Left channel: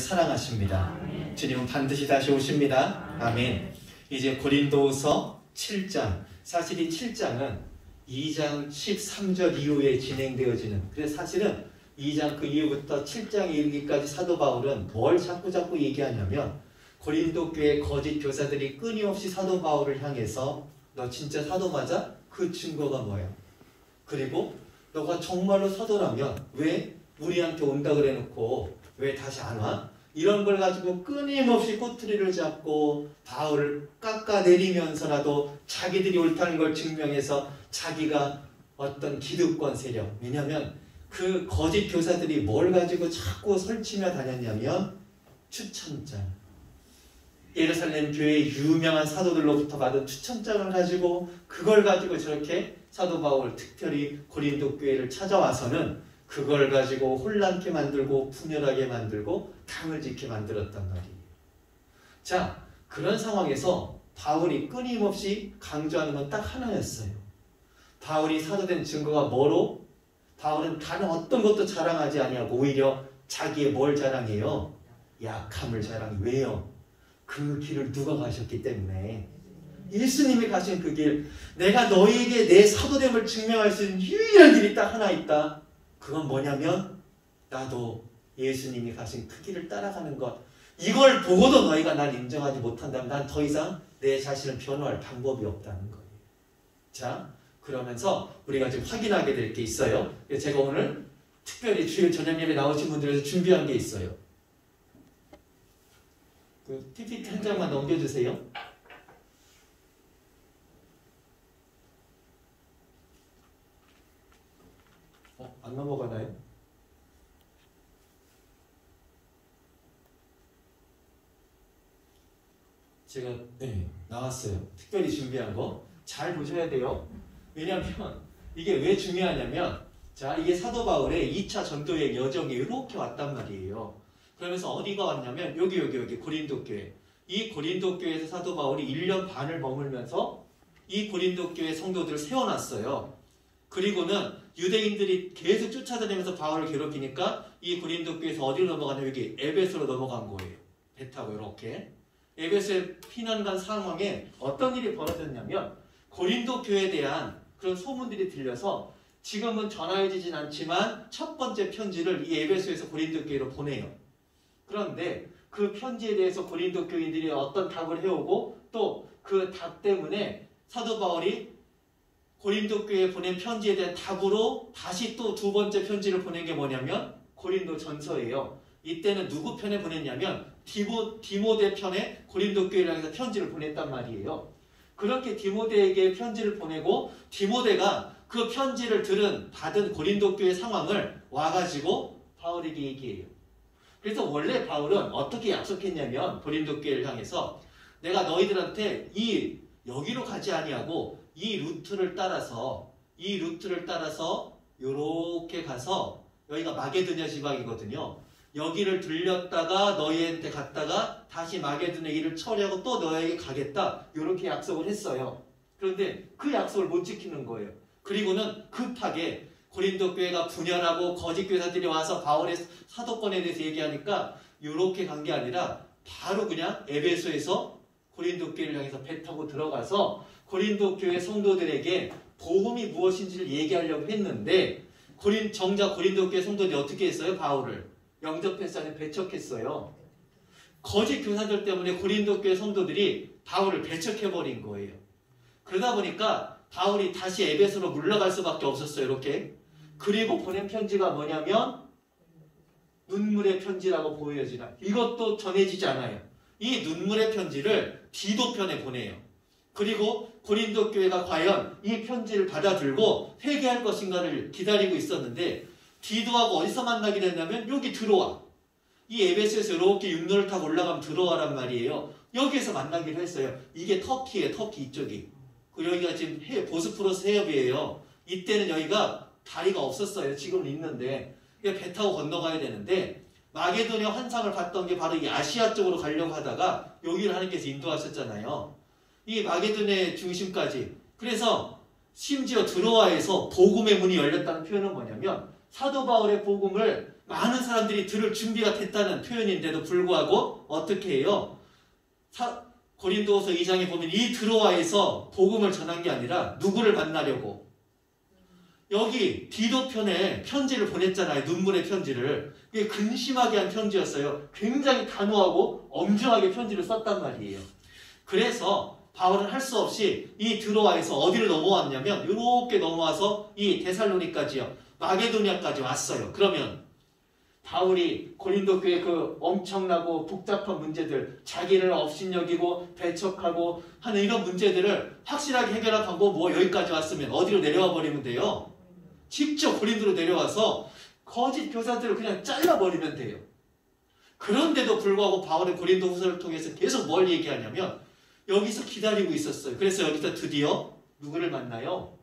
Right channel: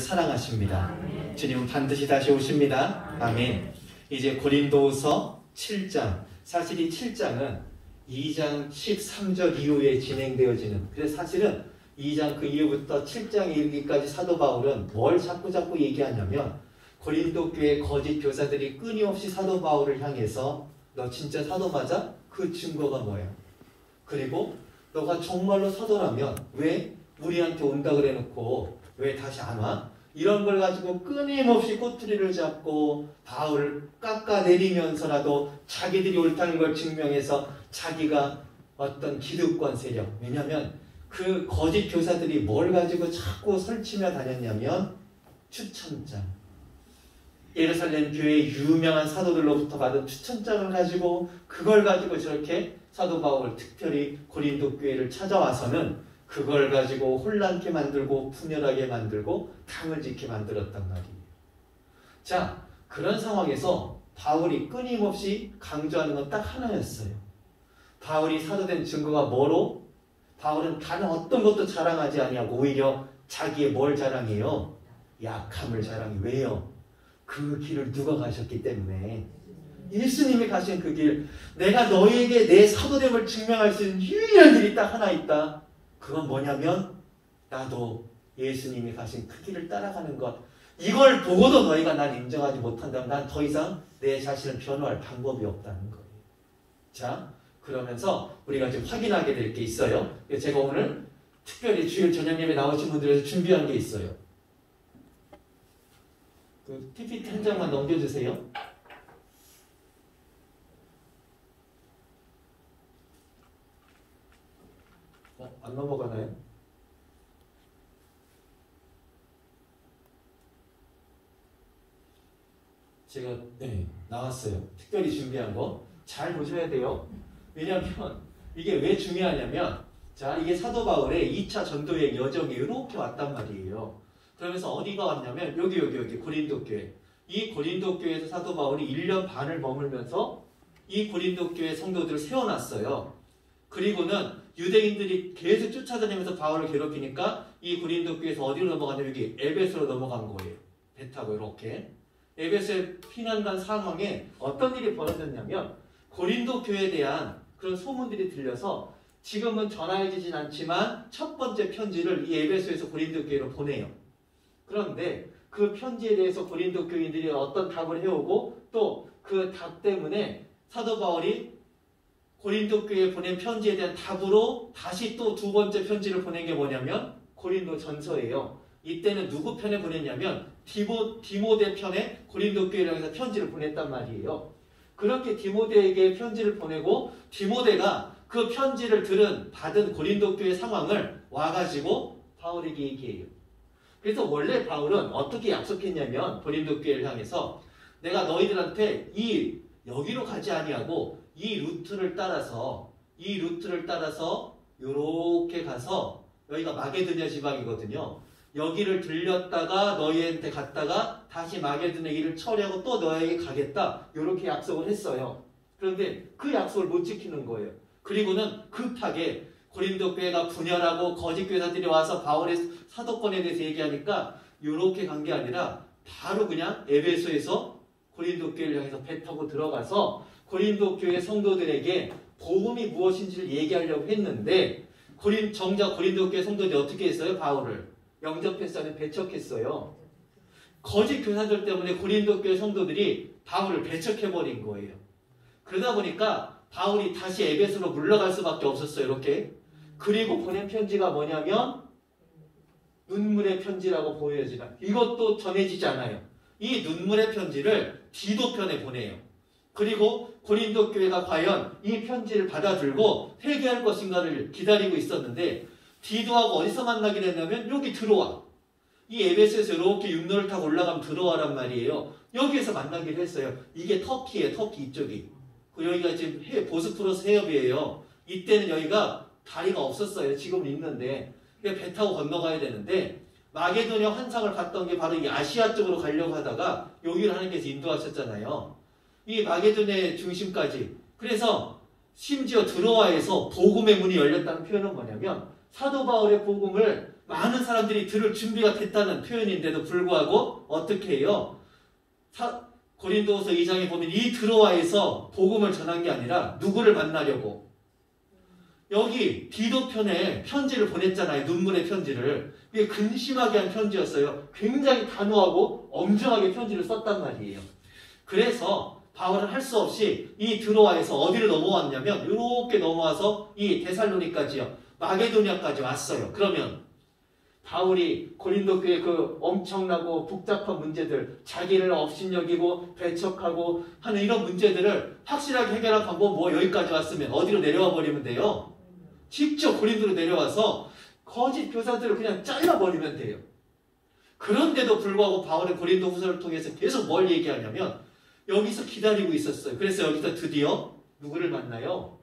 사랑하십니다. 주님은 반드시 다시 오십니다. 아멘. 이제 고린도서 7장, 사실 이 7장은 2장 13절 이후에 진행되어지는, 그래서 사실은 2장 그 이후부터 7장에 이르기까지 사도 바울은 뭘 자꾸 얘기하냐면, 고린도 교회 거짓 교사들이 끊임없이 사도 바울을 향해서 너 진짜 사도 맞아? 그 증거가 뭐예요? 그리고 너가 정말로 사도라면 왜 우리한테 온다 그래 놓고 왜 다시 안 와? 이런 걸 가지고 끊임없이 꼬투리를 잡고 바울을 깎아내리면서라도 자기들이 옳다는 걸 증명해서 자기가 어떤 기득권 세력, 왜냐하면 그 거짓 교사들이 뭘 가지고 자꾸 설치며 다녔냐면 추천장, 예루살렘 교회의 유명한 사도들로부터 받은 추천장을 가지고 그걸 가지고 저렇게 사도 바울, 특별히 고린도 교회를 찾아와서는 그걸 가지고 혼란케 만들고 분열하게 만들고 당을 짓게 만들었단 말이에요. 자, 그런 상황에서 바울이 끊임없이 강조하는 건 딱 하나였어요. 바울이 사도된 증거가 뭐로? 바울은 다른 어떤 것도 자랑하지 아니하고 오히려 자기의 뭘 자랑해요? 약함을 자랑해. 왜요? 그 길을 누가 가셨기 때문에. 예수님이 가신 그 길, 내가 너희에게 내 사도됨을 증명할 수 있는 유일한 길이 딱 하나 있다. 그건 뭐냐면 나도 예수님이 가신 그 길을 따라가는 것. 이걸 보고도 너희가 난 인정하지 못한다면 난 더 이상 내 자신을 변호할 방법이 없다는 거예요. 자, 그러면서 우리가 좀 확인하게 될 게 있어요. 제가 오늘 특별히 주일 저녁 예배 나오신 분들에서 준비한 게 있어요. 그 PPT 한 장만 넘겨주세요. 안 넘어가나요? 제가 나왔어요. 특별히 준비한 거 잘 보셔야 돼요. 왜냐하면 이게 왜 중요하냐면, 자, 이게 사도 바울의 2차 전도의 여정이 이렇게 왔단 말이에요. 그러면서 어디가 왔냐면 여기 고린도 교회. 이 고린도 교회에서 사도 바울이 1년 반을 머물면서 이 고린도 교회 성도들을 세워놨어요. 그리고는 유대인들이 계속 쫓아다니면서 바울을 괴롭히니까 이 고린도 교회에서 어디로 넘어가냐면 여기 에베소로 넘어간 거예요. 배 타고 이렇게. 에베소에 피난 간 상황에 어떤 일이 벌어졌냐면 고린도 교회에 대한 그런 소문들이 들려서 지금은 전화해지진 않지만 첫 번째 편지를 이 에베소에서 고린도 교회로 보내요. 그런데 그 편지에 대해서 고린도 교인들이 어떤 답을 해오고 또 그 답 때문에 사도 바울이 고린도 교회에 보낸 편지에 대한 답으로 다시 또 두 번째 편지를 보낸 게 뭐냐면 고린도 전서예요. 이때는 누구 편에 보냈냐면 디모데 편에 고린도 교회를 향해서 편지를 보냈단 말이에요. 그렇게 디모데에게 편지를 보내고 디모데가 그 편지를 받은 고린도 교회 상황을 와가지고 바울에게 얘기해요. 그래서 원래 바울은 어떻게 약속했냐면 고린도 교회를 향해서 내가 너희들한테 여기로 가지 아니하고 이 루트를 따라서 요렇게 가서 여기가 마게도냐 지방이거든요. 여기를 들렸다가 너희한테 갔다가 다시 마게도냐 일을 처리하고 또 너희에게 가겠다. 요렇게 약속을 했어요. 그런데 그 약속을 못 지키는 거예요. 그리고는 급하게 고린도 교회가 분열하고 거짓 교사들이 와서 바울의 사도권에 대해서 얘기하니까 요렇게 간 게 아니라 바로 그냥 에베소에서 고린도 교회를 향해서 배 타고 들어가서 고린도 교회 성도들에게 복음이 무엇인지를 얘기하려고 했는데 정작 고린도 교회 성도들이 어떻게 했어요? 바울을 영접했어 아니면 배척했어요? 거짓 교사들 때문에 고린도 교회 성도들이 바울을 배척해버린 거예요. 그러다 보니까 바울이 다시 에베소로 물러갈 수밖에 없었어요. 이렇게. 그리고 보낸 편지가 뭐냐면 눈물의 편지라고 보여지나. 이것도 전해지지 않아요. 이 눈물의 편지를 디도 편에 보내요. 그리고 고린도 교회가 과연 이 편지를 받아들고 회개할 것인가를 기다리고 있었는데 디도하고 어디서 만나게 됐냐면 여기 들어와. 이 에베소에서 이렇게 육로를 타고 올라가면 들어와란 말이에요. 여기에서 만나기로 했어요. 이게 터키예요. 터키 이쪽이. 여기가 지금 보스포러스 해협이에요. 이때는 여기가 다리가 없었어요. 지금은 있는데 배 타고 건너가야 되는데 마게도냐 환상을 봤던 게 바로 이 아시아 쪽으로 가려고 하다가 여기를 하나님께서 인도하셨잖아요. 이 마게도냐의 중심까지. 그래서 심지어 드로아에서 복음의 문이 열렸다는 표현은 뭐냐면 사도 바울의 복음을 많은 사람들이 들을 준비가 됐다는 표현인데도 불구하고 어떻게 해요? 고린도후서 2장에 보면 이 드로아에서 복음을 전한 게 아니라 누구를 만나려고? 여기 디도 편에 편지를 보냈잖아요. 눈물의 편지를. 이게 근심하게 한 편지였어요. 굉장히 단호하고 엄정하게 편지를 썼단 말이에요. 그래서 바울은 할 수 없이 이 드로아에서 어디를 넘어왔냐면 이렇게 넘어와서 이 데살로니까지요. 마게도냐까지 왔어요. 그러면 바울이 고린도 교회 그 엄청나고 복잡한 문제들, 자기를 업신여기고 배척하고 하는 이런 문제들을 확실하게 해결할 방법 뭐 여기까지 왔으면 어디로 내려와 버리면 돼요? 직접 고린도로 내려와서 거짓 교사들을 그냥 잘라버리면 돼요. 그런데도 불구하고 바울은 고린도 후서를 통해서 계속 뭘 얘기하냐면 여기서 기다리고 있었어요. 그래서 여기서 드디어 누구를 만나요?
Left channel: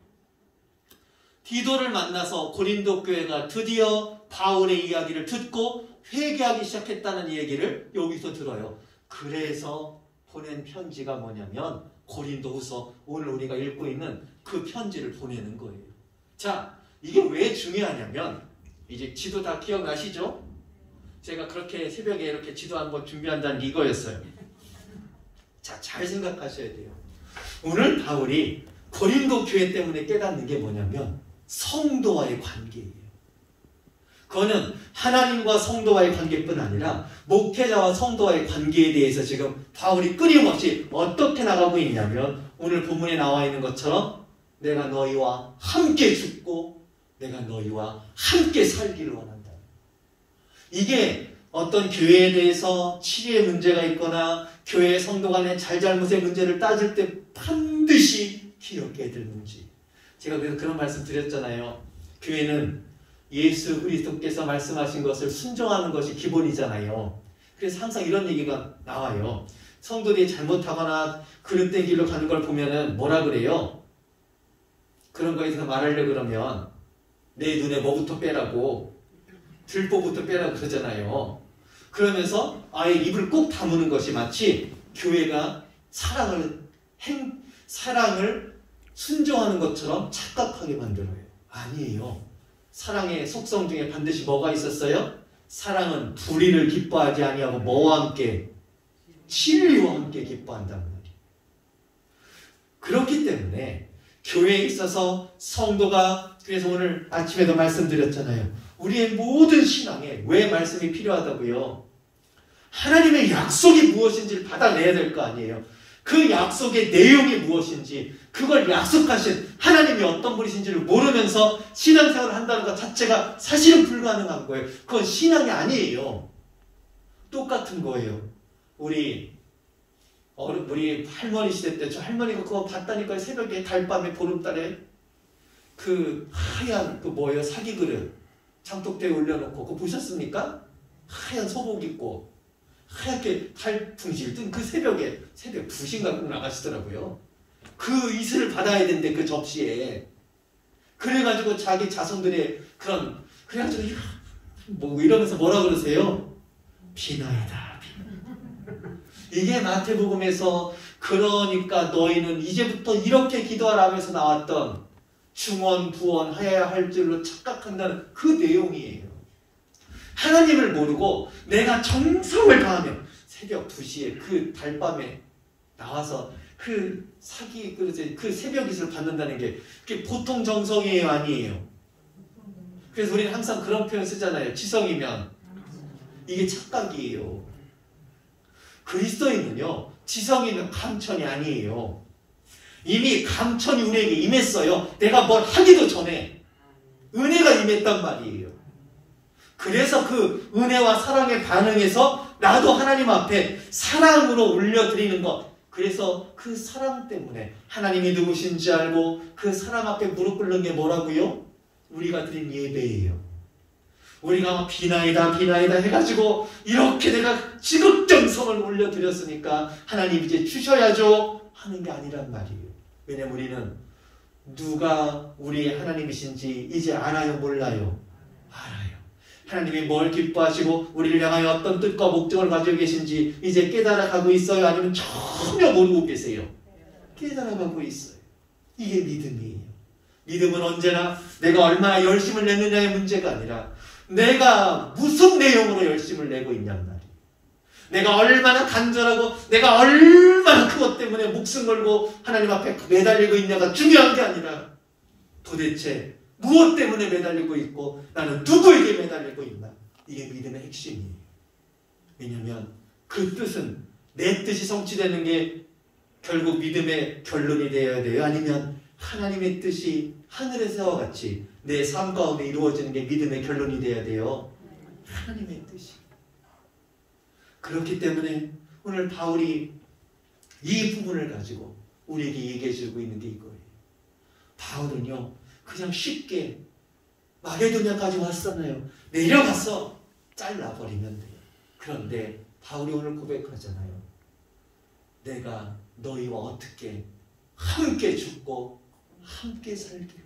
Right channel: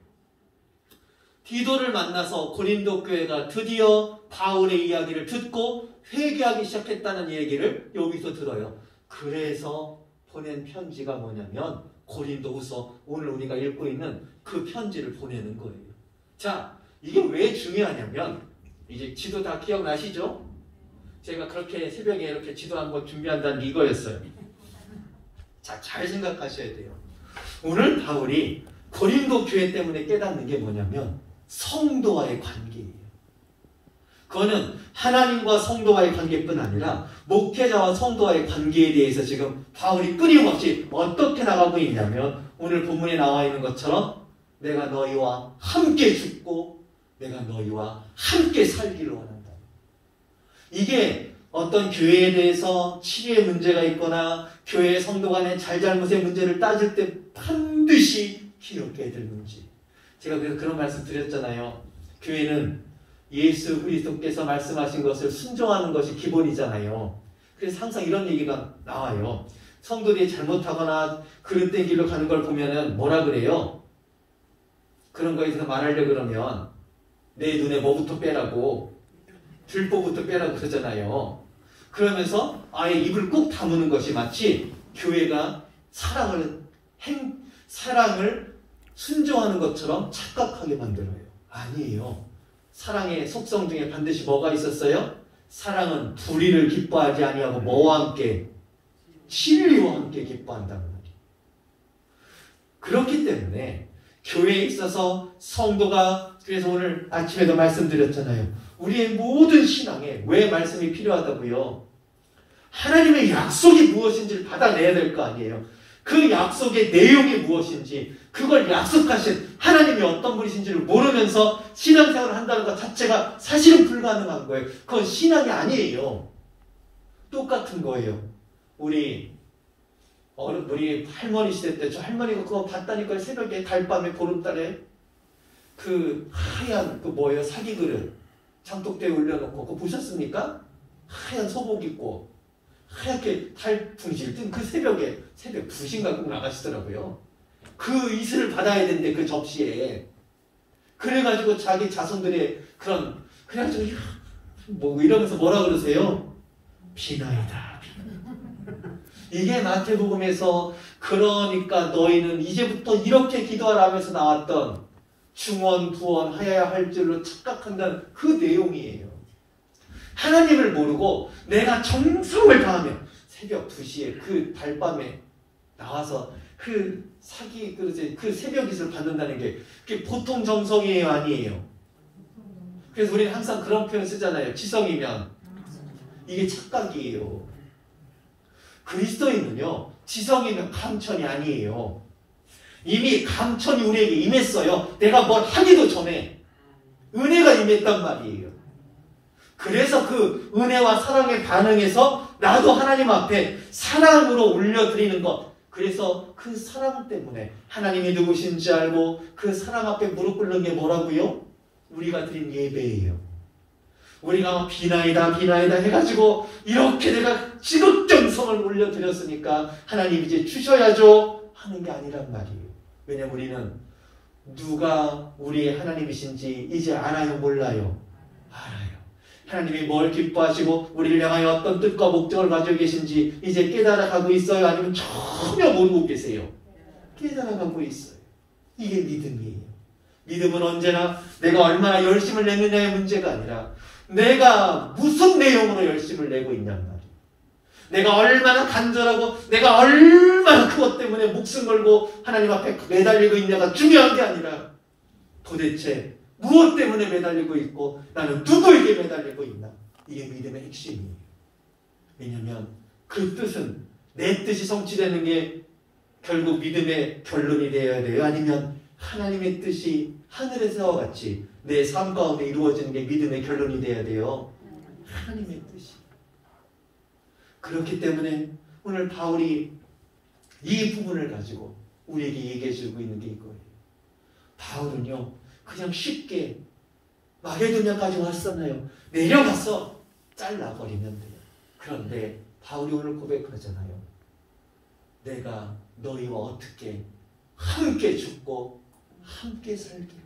디도를 만나서 고린도 교회가 드디어 바울의 이야기를 듣고 회개하기 시작했다는 얘기를 여기서 들어요. 그래서 보낸 편지가 뭐냐면 고린도후서, 오늘 우리가 읽고 있는 그 편지를 보내는 거예요. 자, 이게 왜 중요하냐면 이제 지도 다 기억나시죠? 제가 그렇게 새벽에 이렇게 지도 한번 준비한다는 이거였어요. 자, 잘 생각하셔야 돼요. 오늘 바울이 고린도 교회 때문에 깨닫는 게 뭐냐면 성도와의 관계예요. 그거는 하나님과 성도와의 관계뿐 아니라 목회자와 성도와의 관계에 대해서 지금 바울이 끊임없이 어떻게 나가고 있냐면 오늘 본문에 나와 있는 것처럼 내가 너희와 함께 죽고 내가 너희와 함께 살기를 원한다. 이게 어떤 교회에 대해서 치료의 문제가 있거나 교회의 성도 간의 잘잘못의 문제를 따질 때 반드시 기억해야 될 문제. 제가 그래서 그런 말씀 드렸잖아요. 교회는 예수 그리스도께서 말씀하신 것을 순종하는 것이 기본이잖아요. 그래서 항상 이런 얘기가 나와요. 성도들이 잘못하거나 그릇된 길로 가는 걸 보면은 뭐라 그래요? 그런 거에 대해서 말하려고 그러면 내 눈에 뭐부터 빼라고, 들보부터 빼라고 그러잖아요. 그러면서 아예 입을 꼭 다무는 것이 마치 교회가 사랑을 순종하는 것처럼 착각하게 만들어요. 아니에요. 사랑의 속성 중에 반드시 뭐가 있었어요? 사랑은 불의를 기뻐하지 아니하고 뭐와 함께? 진리와 함께 기뻐한다는 말이에요. 그렇기 때문에 교회에 있어서 성도가, 그래서 오늘 아침에도 말씀드렸잖아요. 우리의 모든 신앙에 왜 말씀이 필요하다고요? 하나님의 약속이 무엇인지를 받아내야 될 거 아니에요. 그 약속의 내용이 무엇인지, 그걸 약속하신 하나님이 어떤 분이신지를 모르면서 신앙생활을 한다는 것 자체가 사실은 불가능한 거예요. 그건 신앙이 아니에요. 똑같은 거예요. 우리 할머니 시대 때 저 할머니가 그거 봤다니까요. 새벽에 달밤에 보름달에 그 하얀 그 뭐예요? 사기 그릇 장독대에 올려놓고 그거 보셨습니까? 하얀 소복 입고 하얗게 달풍실 뜬 그 새벽에 새벽 2시인가 나가시더라고요. 그 이슬을 받아야 되는데 그 접시에 그래가지고 자기 자손들의 그래가지고 뭐 이러면서 뭐라 그러세요? 비나이다. 이게 마태복음에서 그러니까 너희는 이제부터 이렇게 기도하라 하면서 나왔던 중언 부언하여야 할 줄로 착각한다는 그 내용이에요. 하나님을 모르고 내가 정성을 다하면 새벽 2시에 그 달밤에 나와서 그 사기 그 새벽 이슬을 받는다는 게 그게 보통 정성이에요, 아니에요? 그래서 우리는 항상 그런 표현 쓰잖아요. 지성이면 이게 착각이에요. 그리스도인은요, 지성이면 감천이 아니에요. 이미 감천이 우리에게 임했어요. 내가 뭘 하기도 전에 은혜가 임했단 말이에요. 그래서 그 은혜와 사랑에 반응해서 나도 하나님 앞에 사랑으로 올려드리는 것. 그래서 그 사랑 때문에 하나님이 누구신지 알고 그 사랑 앞에 무릎 꿇는 게 뭐라고요? 우리가 드린 예배예요. 우리가 비나이다 해가지고 이렇게 내가 지극정성을 올려드렸으니까 하나님 이제 주셔야죠 하는 게 아니란 말이에요. 왜냐면 우리는 누가 우리의 하나님이신지 이제 알아요, 몰라요? 알아요. 하나님이 뭘 기뻐하시고 우리를 향하여 어떤 뜻과 목적을 가지고 계신지 이제 깨달아가고 있어요? 아니면 전혀 모르고 계세요? 깨달아가고 있어요. 이게 믿음이에요. 믿음은 언제나 내가 얼마나 열심을 내느냐의 문제가 아니라 내가 무슨 내용으로 열심을 내고 있냔 말이에요. 내가 얼마나 간절하고 내가 얼마나 그것 때문에 목숨 걸고 하나님 앞에 매달리고 있냐가 중요한 게 아니라 도대체 무엇 때문에 매달리고 있고 나는 누구에게 매달리고 있나. 이게 믿음의 핵심이에요. 왜냐하면 그 뜻은 내 뜻이 성취되는 게 결국 믿음의 결론이 되어야 돼요? 아니면 하나님의 뜻이 하늘에서와 같이 내 삶 가운데 이루어지는 게 믿음의 결론이 되어야 돼요? 하나님의 뜻이. 그렇기 때문에 오늘 바울이 이 부분을 가지고 우리에게 얘기해 주고 있는 게 이거예요. 바울은요 그냥 쉽게 마게도냐까지 왔었나요? 내려가서 잘라버리면 돼요. 그런데 바울이 오늘 고백하잖아요. 내가 너희와 어떻게 함께 죽고 함께 살기를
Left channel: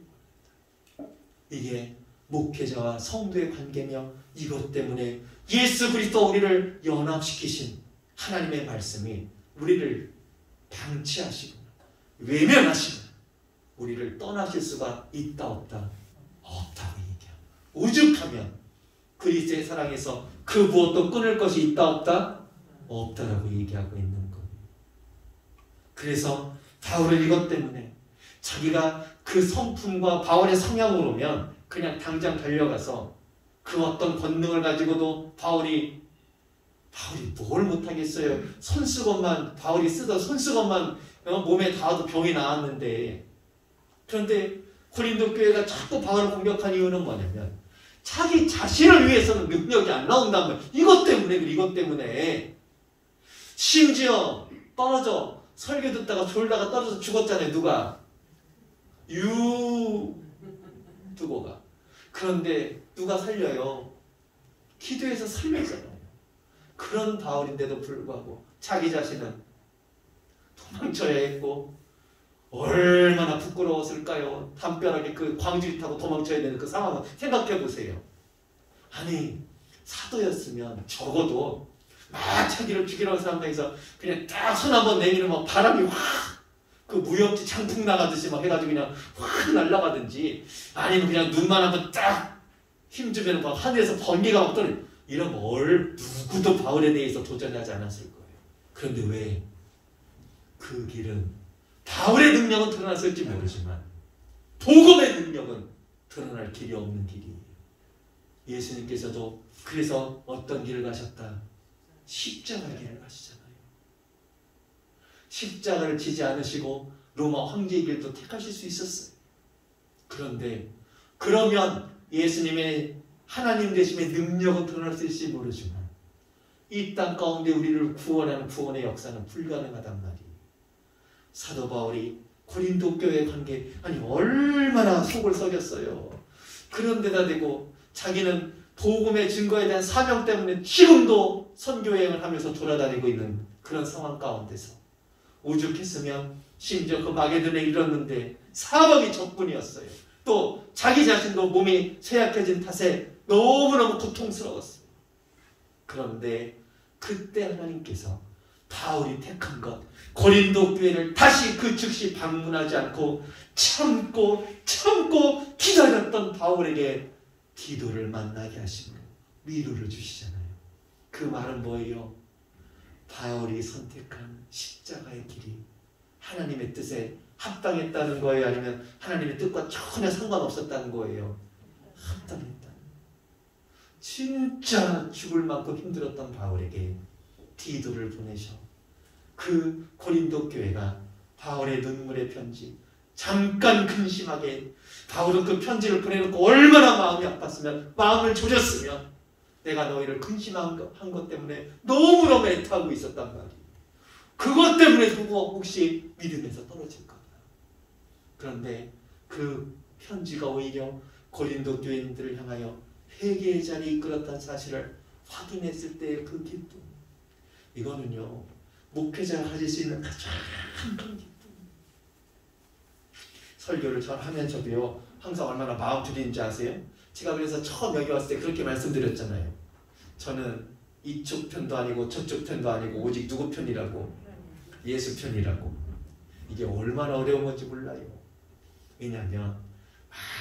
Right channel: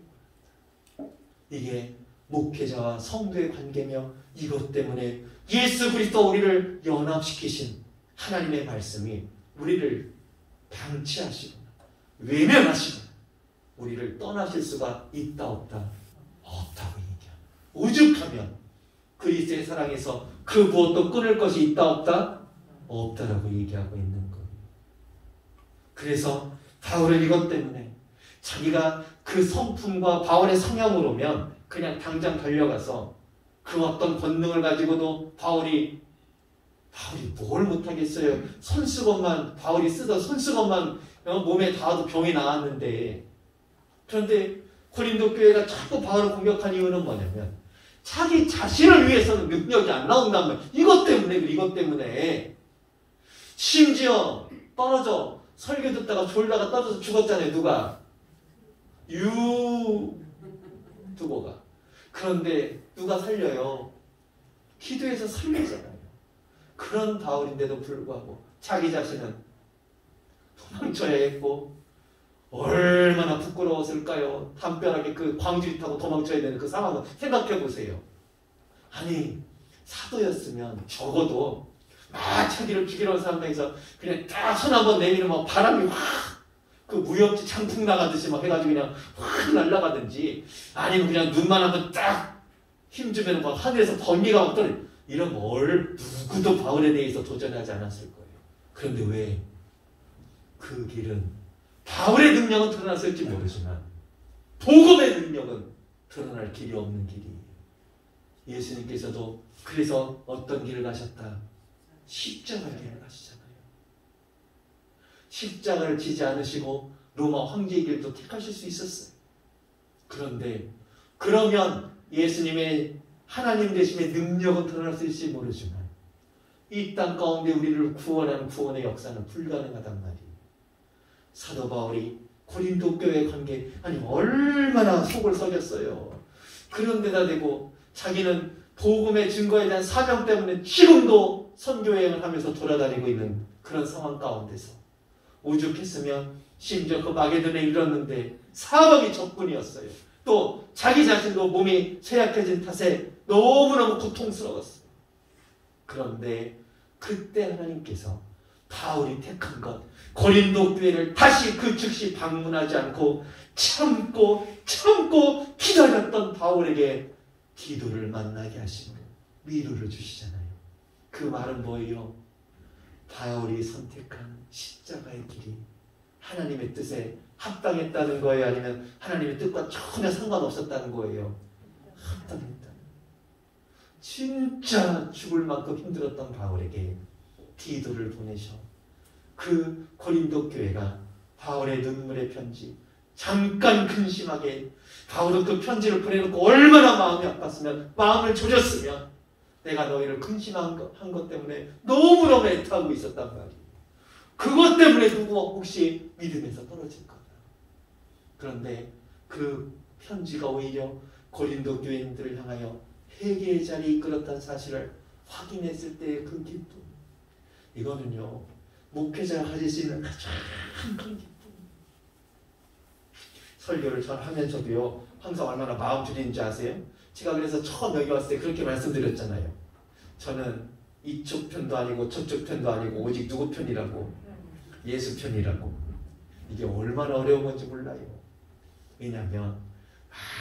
원한다. 이게 목회자와 성도의 관계며 이것 때문에 예수 그리스도 우리를 연합시키신 하나님의 말씀이 우리를 방치하시거나 외면하시거나 우리를 떠나실 수가 있다 없다? 없다고 얘기합니다. 오죽하면 그리스도의 사랑에서 그 무엇도 끊을 것이 있다 없다? 없다라고 얘기하고 있는 거예요. 그래서 바울은 이것 때문에 자기가 그 성품과 바울의 성향으로면 그냥 당장 달려가서 그 어떤 권능을 가지고도 바울이 뭘 못하겠어요. 손수건만 바울이 쓰던 손수건만 몸에 닿아도 병이 나았는데, 그런데 고린도 교회가 자꾸 바울을 공격한 이유는 뭐냐면 자기 자신을 위해서는 능력이 안 나온단 말이에요. 이것 때문에 심지어 떨어져 설교 듣다가 졸다가 떨어져 죽었잖아요. 누가? 유두보가. 그런데 누가 살려요? 기도해서 살리잖아요. 그런 바울인데도 불구하고 자기 자신은 도망쳐야 했고 얼마나 부끄러웠을까요? 담벼락에 그 광주리 타고 도망쳐야 되는 그 상황을 생각해 보세요. 아니 사도였으면 적어도 막 자기를 죽이려는 사람들에서 그냥 딱 손 한번 내밀면 바람이 확 그 무협지 장풍 나가듯이 막 해가지고 그냥 확 날아가든지, 아니면 그냥 눈만 한번 딱 힘주면 막 하늘에서 번개가 막 떨어져. 이런 걸 누구도 바울에 대해서 도전하지 않았을 거예요. 그런데 왜 그 길은 바울의 능력은 드러났을지 모르지만 복음의 능력은 드러날 길이 없는 길이에요. 예수님께서도 그래서 어떤 길을 가셨다? 십자가 길을 가시잖아요. 십자가를 지지 않으시고 로마 황제의 길도 택하실 수 있었어요. 그런데 그러면 예수님의 하나님 되심의 능력은 드러났을지 모르지만 이 땅 가운데 우리를 구원하는 구원의 역사는 불가능하단 말이에요. 사도 바울이 고린도 교회 관계 얼마나 속을 썩였어요. 그런데다 대고 자기는 복음의 증거에 대한 사명 때문에 지금도 선교여행을 하면서 돌아다니고 있는 그런 상황 가운데서 오죽했으면 심지어 그 마게도냐에 이르렀는데 사망이 적군이었어요. 또 자기 자신도 몸이 쇠약해진 탓에 너무너무 고통스러웠어요. 그런데 그때 하나님께서 바울이 택한 것, 고린도 교회를 다시 그 즉시 방문하지 않고 참고 기다렸던 바울에게 디도를 만나게 하시고 위로를 주시잖아요. 그 말은 뭐예요? 바울이 선택한 십자가의 길이 하나님의 뜻에 합당했다는 거예요? 아니면 하나님의 뜻과 전혀 상관없었다는 거예요? 합당했다는 거예요. 진짜 죽을 만큼 힘들었던 바울에게 디도를 보내셔 그 고린도 교회가 바울의 눈물의 편지, 잠깐 근심하게 바울은 그 편지를 보내놓고 얼마나 마음이 아팠으면, 마음을 조졌으면 내가 너희를 근심한 것 때문에 너무너무 애타고 있었단 말이에요. 그것 때문에 누구 혹시 믿음에서 떨어질 거다. 그런데 그 편지가 오히려 고린도 교인들을 향하여 회개의 자리에 이끌었다는 사실을 확인했을 때의 그 기쁨, 이거는요 목회자가 가질 수 있는 가장 큰 기쁨. 설교를 전 하면서도요 항상 얼마나 마음 졸이는지 아세요? 제가 그래서 처음 여기 왔을 때 그렇게 말씀드렸잖아요. 저는 이쪽 편도 아니고 저쪽 편도 아니고 오직 누구 편이라고? 예수 편이라고. 이게 얼마나 어려운 건지 몰라요. 왜냐하면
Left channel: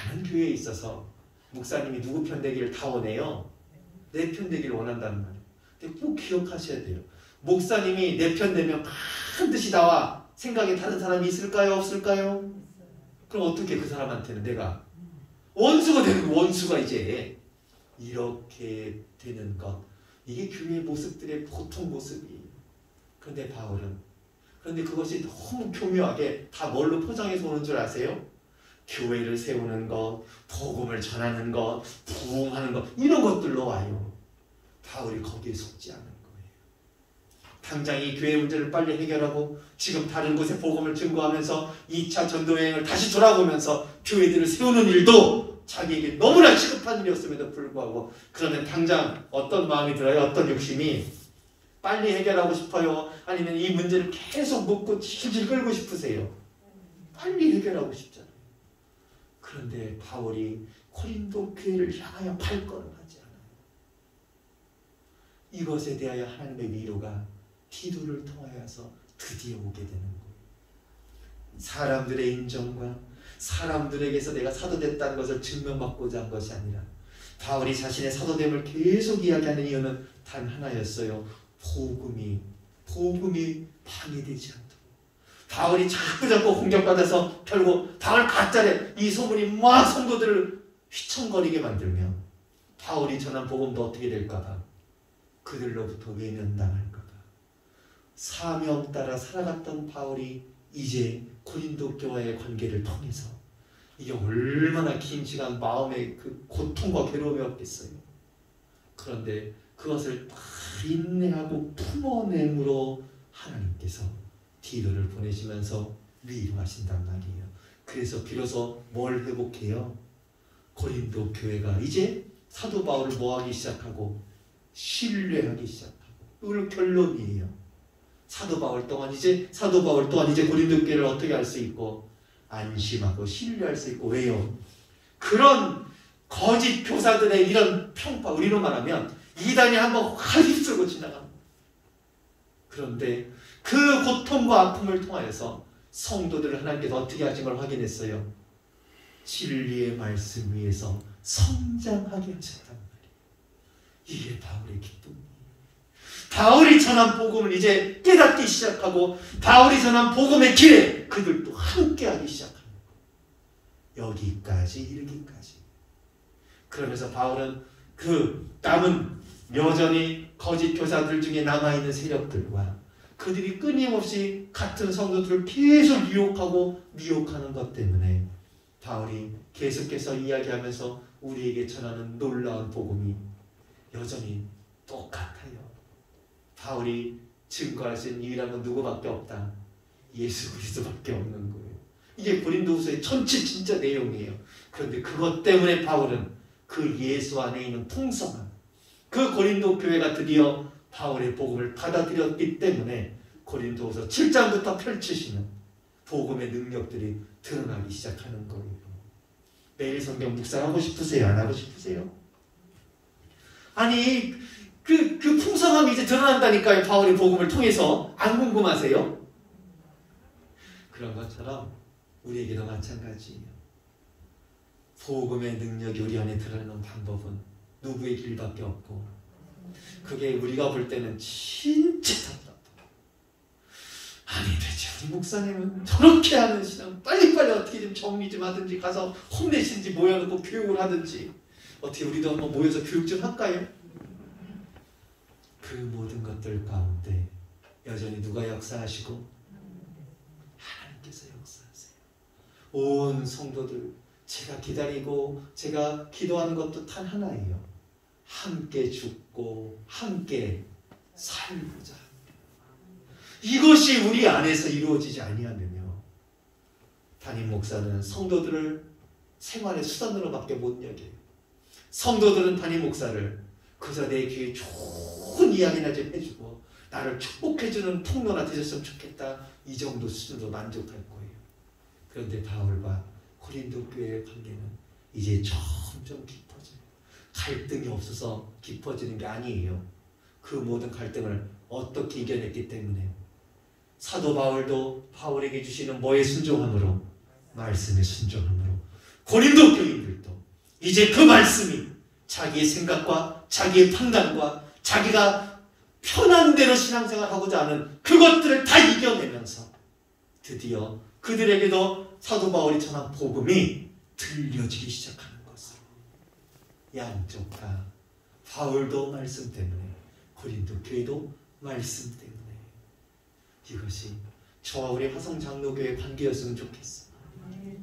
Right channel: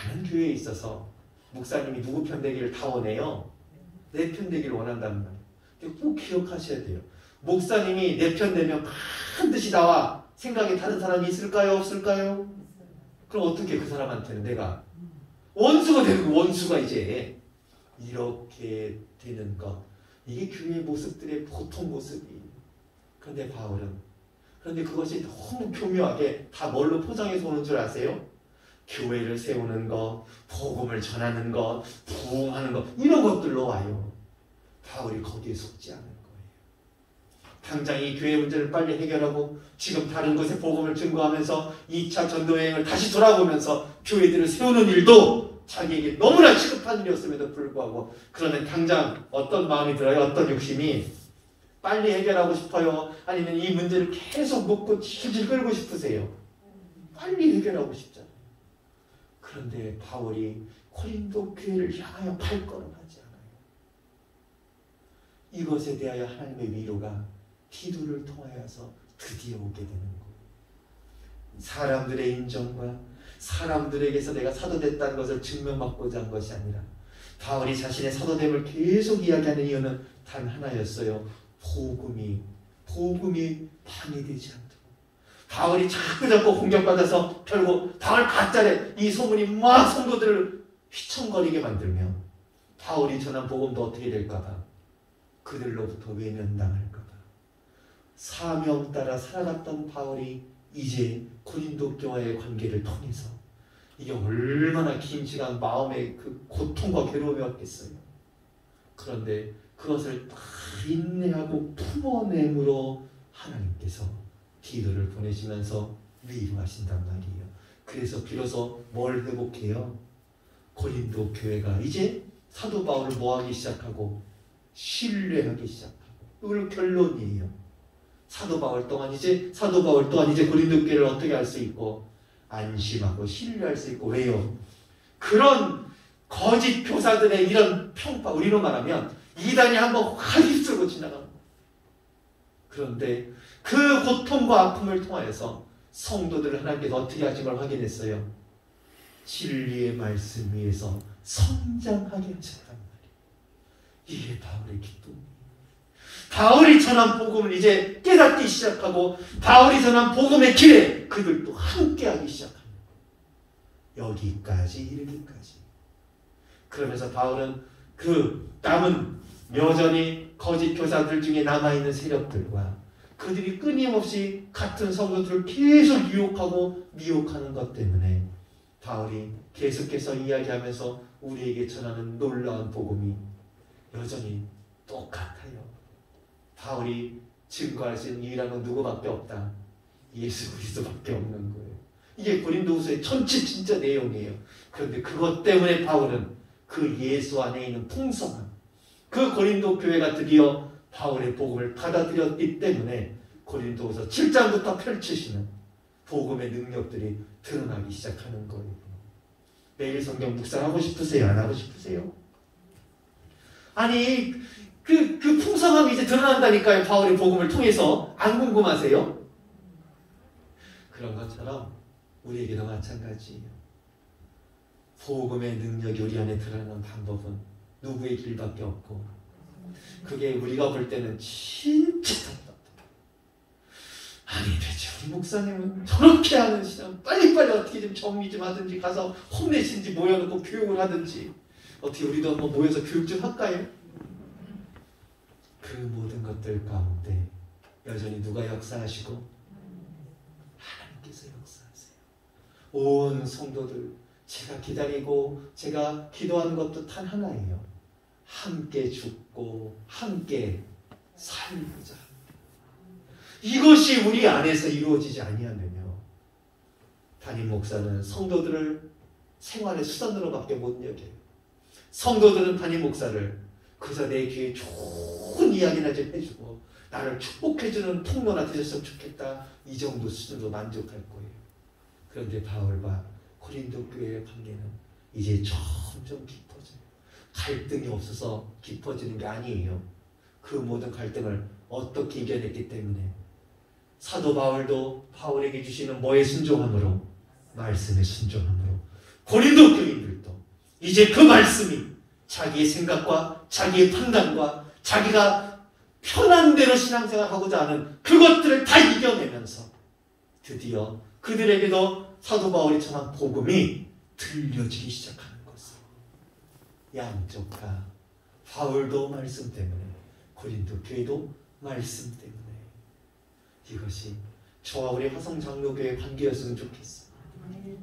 많은 교회에 있어서 목사님이 누구 편 되기를 다 원해요? 내 편 되기를 원한다는 말이에요. 근데 꼭 기억하셔야 돼요. 목사님이 내 편 되면 반드시 나와 생각이 다른 사람이 있을까요? 없을까요? 그럼 어떻게 그 사람한테는 내가 원수가 되는 거, 원수가 이제 이렇게 되는 것. 이게 교회의 모습들의 보통 모습이에요. 그런데 바울은 그런데 그것이 너무 교묘하게 다 뭘로 포장해서 오는 줄 아세요? 교회를 세우는 것, 복음을 전하는 것, 부흥하는 것 이런 것들로 와요. 바울이 거기에 속지 않은 거예요. 당장 이 교회 문제를 빨리 해결하고 지금 다른 곳에 복음을 증거하면서 2차 전도여행을 다시 돌아보면서 교회들을 세우는 일도 자기에게 너무나 시급한 일이었음에도 불구하고 그러면 당장 어떤 마음이 들어요? 어떤 욕심이? 빨리 해결하고 싶어요? 아니면 이 문제를 계속 묻고 질질 끌고 싶으세요? 빨리 해결하고 싶잖아요. 그런데 바울이 고린도 교회를 향하여 발걸음 하지 않아요. 이것에 대하여 하나님의 위로가 디도를 통하여서 드디어 오게 되는 거예요. 사람들의 인정과 사람들에게서 내가 사도됐다는 것을 증명받고자 한 것이 아니라 바울이 자신의 사도됨을 계속 이야기하는 이유는 단 하나였어요. 복음이 방해되지 않도록. 바울이 자꾸 공격받아서 결국 바울 가짜래 이 소문이 막 성도들을 휘청거리게 만들면 바울이 전한 복음도 어떻게 될까봐 그들로부터 외면당할까봐 사명 따라 살아갔던 바울이 이제 고린도 교회와의 관계를 통해서 이게 얼마나 긴 시간 마음의 그 고통과 괴로움이었겠어요. 그런데 그것을 다 인내하고 품어냄으로 하나님께서 디도를 보내시면서 위로하신단 말이에요. 그래서 비로소 뭘 회복해요? 고린도 교회가 이제 사도 바울을 뭐하기 시작하고 신뢰하기 시작하고 이걸 결론이에요. 사도 바울 또한 이제 고린도 교회를 어떻게 할 수 있고 안심하고 신뢰할 수 있고 왜요? 그런 거짓 교사들의 이런 평파 우리로 말하면 이단이 한번 확 휩쓸고 지나갑니다. 그런데 그 고통과 아픔을 통하여서 성도들을 하나님께서 어떻게 하신 걸 확인했어요. 진리의 말씀 위에서 성장하게 하셨단 말이에요. 이게 바울의 기쁨이에요. 바울이 전한 복음을 이제 깨닫기 시작하고 바울이 전한 복음의 길에 그들도 함께하기 시작합니다. 여기까지 이르기까지. 그러면서 바울은 그 남은 여전히 거짓 교사들 중에 남아있는 세력들과 그들이 끊임없이 같은 성도들을 계속 유혹하고 미혹하는 것 때문에 바울이 계속해서 이야기하면서 우리에게 전하는 놀라운 복음이 여전히 똑같아요. 바울이 증거할 수 있는 유일한 누구밖에 없다. 예수 그리스도밖에 없는 거예요. 이게 고린도후서의 전체 진짜 내용이에요. 그런데 그것 때문에 바울은 그 예수 안에 있는 풍성함, 그 고린도 교회가 드디어 바울의 복음을 받아들였기 때문에 고린도후서 7장부터 펼치시는 복음의 능력들이 드러나기 시작하는 거예요. 매일 성경 묵상하고 싶으세요? 안 하고 싶으세요? 아니 그 풍성함이 이제 드러난다니까요. 바울의 복음을 통해서. 안 궁금하세요? 그런 것처럼 우리에게도 마찬가지예요. 복음의 능력이 우리 안에 드러나는 방법은 누구의 길밖에 없고 그게 우리가 볼 때는 진짜 답답해요. 아니 대체 우리 목사님은 저렇게 하는 시간 빨리빨리 어떻게 좀 정리 좀 하든지 가서 홈내신지 모여놓고 교육을 하든지 어떻게 우리도 한번 모여서 교육 좀 할까요? 그 모든 것들 가운데 여전히 누가 역사하시고 하나님께서 역사하세요. 온 성도들 제가 기다리고 제가 기도하는 것도 단 하나예요. 함께 죽고 함께 살고자 합니다. 이것이 우리 안에서 이루어지지 아니하면요 담임 목사는 성도들을 생활의 수단으로밖에 못 여겨요. 성도들은 담임 목사를 그저 내 귀에 좋은 이야기나 좀 해주고 나를 축복해주는 통로나 되셨으면 좋겠다 이 정도 수준으로 만족할 거예요. 그런데 바울과 고린도 교회의 관계는 이제 점점 깊어져요. 갈등이 없어서 깊어지는 게 아니에요. 그 모든 갈등을 어떻게 이겨냈기 때문에 사도 바울도 바울에게 주시는 뭐에 순종함으로? 말씀에 순종함으로. 고린도 교인들도 이제 그 말씀이 자기의 생각과 자기의 판단과 자기가 편한 대로 신앙생활하고자 하는 그것들을 다 이겨내면서 드디어 그들에게도 사도 바울이 전한 복음이 들려지기 시작하는 것을, 양쪽 다 바울도 말씀 때문에 고린도 교회도 말씀 때문에 이것이 저와 우리 화성장로교회 관계였으면 좋겠어.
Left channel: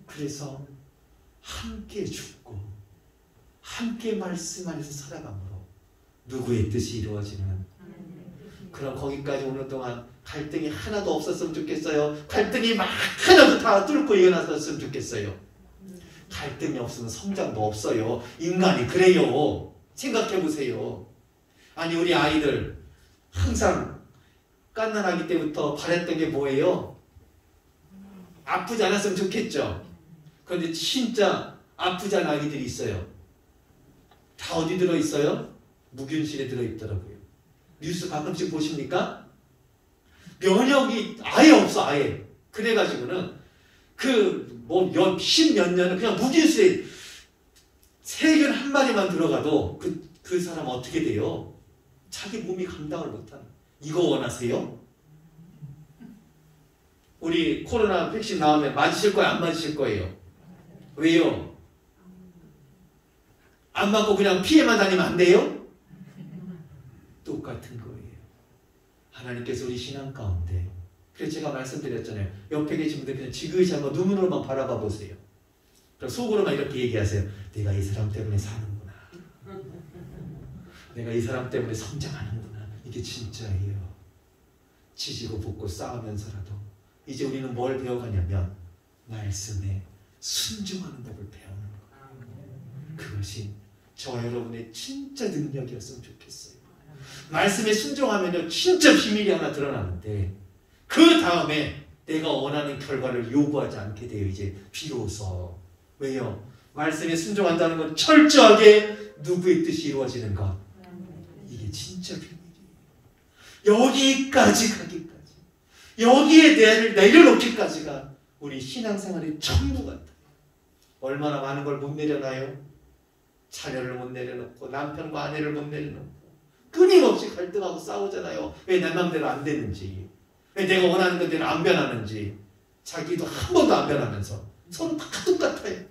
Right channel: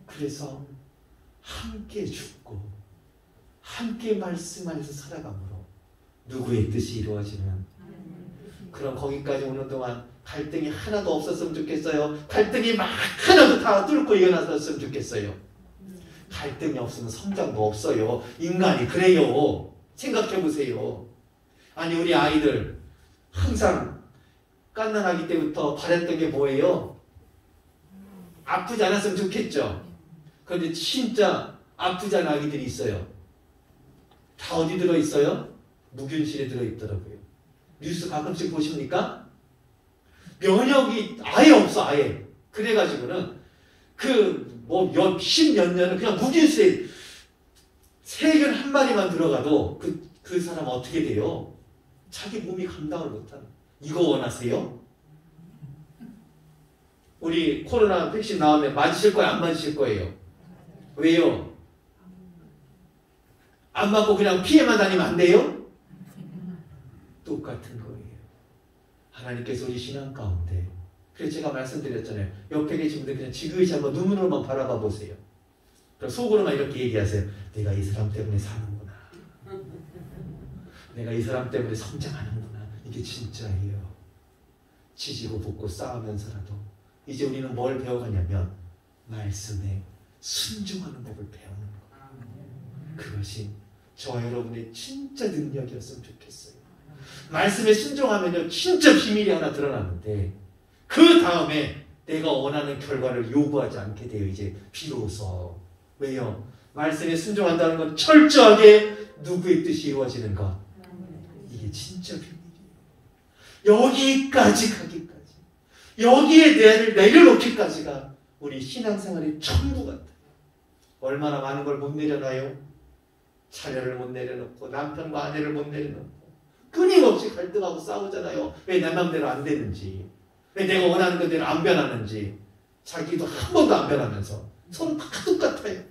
그래서 함께 죽고 함께 말씀 안에서 살아감으로 누구의 뜻이 이루어지는 그럼 거기까지 오는 동안 갈등이 하나도 없었으면 좋겠어요. 갈등이 막 하나도 다 뚫고 일어났었으면 좋겠어요. 갈등이 없으면 성장도 없어요. 인간이 그래요. 생각해보세요. 아니 우리 아이들 항상 갓난아기 때부터 바랬던 게 뭐예요? 아프지 않았으면 좋겠죠. 그런데 진짜 아프지 않은 아기들이 있어요. 다 어디 들어있어요? 무균실에 들어있더라고요. 뉴스 가끔씩 보십니까? 면역이 아예 없어, 아예. 그래가지고는 십몇 년은 그냥 무균실에 세균 한 마리만 들어가도 그 사람 어떻게 돼요? 자기 몸이 감당을 못하는. 이거 원하세요? 우리 코로나 백신 나오면 맞으실 거예요? 안 맞으실 거예요? 왜요? 안 맞고 그냥 피해만 다니면 안 돼요? 똑같은 거예요. 하나님께서 우리 신앙 가운데, 그래서 제가 말씀드렸잖아요. 옆에 계신 분들 그냥 지그시 한번 눈으로만 바라봐 보세요. 속으로만 이렇게 얘기하세요. 내가 이 사람 때문에 사는구나. 내가 이 사람 때문에 성장하는구나. 이게 진짜예요. 지지고 볶고 싸우면서라도 이제 우리는 뭘 배워가냐면 말씀에 순종하는 법을 배우는 거예요. 그것이 저와 여러분의 진짜 능력이었으면 좋겠어요. 말씀에 순종하면요 진짜 비밀이 하나 드러나는데 그 다음에 내가 원하는 결과를 요구하지 않게 돼요. 이제 비로소. 왜요? 말씀에 순종한다는 건 철저하게 누구의 뜻이 이루어지는 것. 이게 진짜 비밀이에요. 여기까지 가기까지, 여기에 내려놓기까지가 우리 신앙생활의 전부 같아요. 얼마나 많은 걸 못 내려놔요? 자녀를 못 내려놓고 남편과 아내를 못 내려놓고 끊임없이 갈등하고 싸우잖아요. 왜 내 맘대로 안 되는지, 왜 내가 원하는 것대로 안 변하는지. 자기도 한 번도 안 변하면서 서로 다 똑같아요.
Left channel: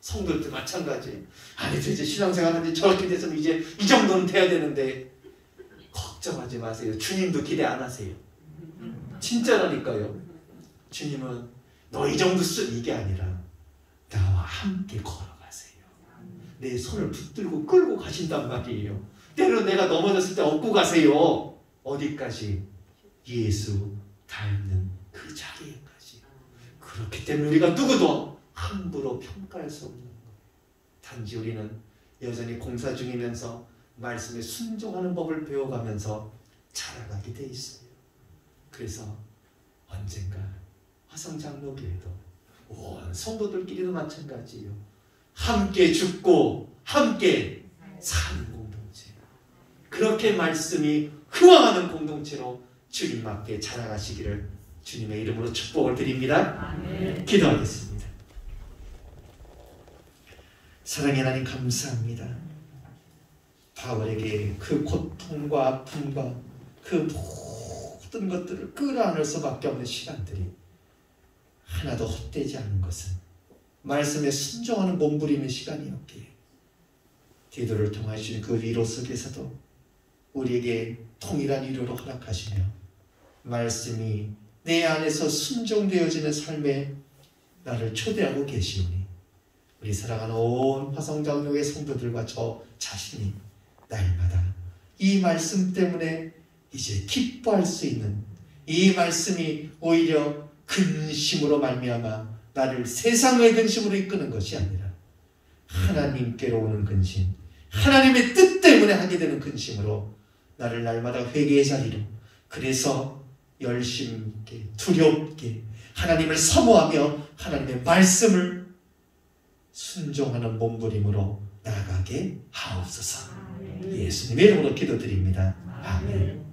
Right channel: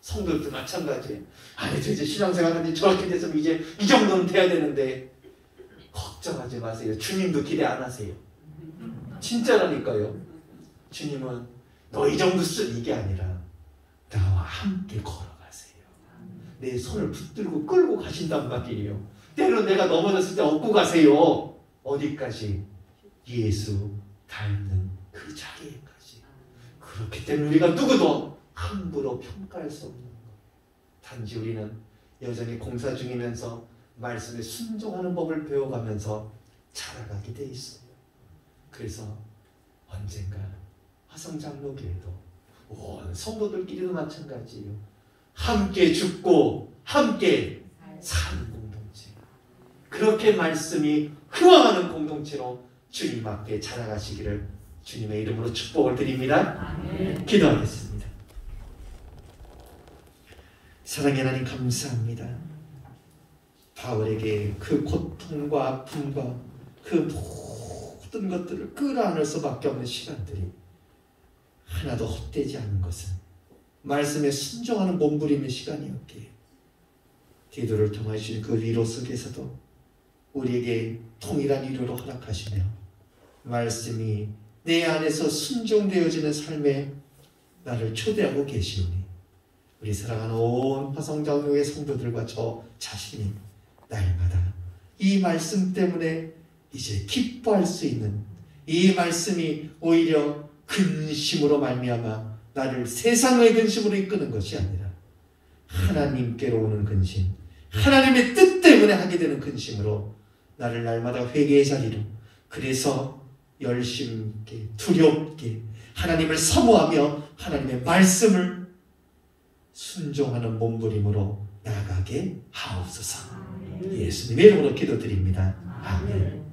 성도들도 마찬가지예요. 아니 이제 신앙생활하는데 저렇게 됐으면 이제 이 정도는 돼야 되는데 걱정하지 마세요. 주님도 기대 안 하세요. 진짜라니까요. 주님은 너 이 정도 쓰 이게 아니라 나와 함께 걸어가세요. 내 손을 붙들고 끌고 가신단 말이에요. 때로 내가 넘어졌을 때 업고 가세요. 어디까지? 예수 닮는 그 자리에까지. 그렇기 때문에 우리가 누구도 함부로 평가할 수 없는 것. 단지 우리는 여전히 공사 중이면서 말씀에 순종하는 법을 배워가면서 자라가게 돼 있어요. 그래서 언젠가 화성장로교회도 온 성도들끼리도 마찬가지예요. 함께 죽고 함께 사는 공동체. 그렇게 말씀이 흥황하는 공동체로 주님 앞에 자라가시기를 주님의 이름으로 축복을 드립니다. 기도하겠습니다. 사랑의 하나님 감사합니다. 바울에게 그 고통과 아픔과 그 모든 것들을 끌어안을 수밖에 없는 시간들이 하나도 헛되지 않은 것은 말씀에 순종하는 몸부림의 시간이었기에 기도를 통하신 그 위로 속에서도 우리에게 동일한 위로를 허락하시며 말씀이 내 안에서 순종되어지는 삶에 나를 초대하고 계시니 우리 사랑하는 온 화성장로의 성도들과 저 자신이 날마다 이 말씀 때문에 이제 기뻐할 수 있는, 이 말씀이 오히려 근심으로 말미암아 나를 세상의 근심으로 이끄는 것이 아니라 하나님께로 오는 근심, 하나님의 뜻 때문에 하게 되는 근심으로 나를 날마다 회개의 자리로, 그래서 열심히 있게 두렵게 하나님을 사모하며 하나님의 말씀을 순종하는 몸부림으로 나아가게 하옵소서. 예수님의 이름으로 기도드립니다. 아멘.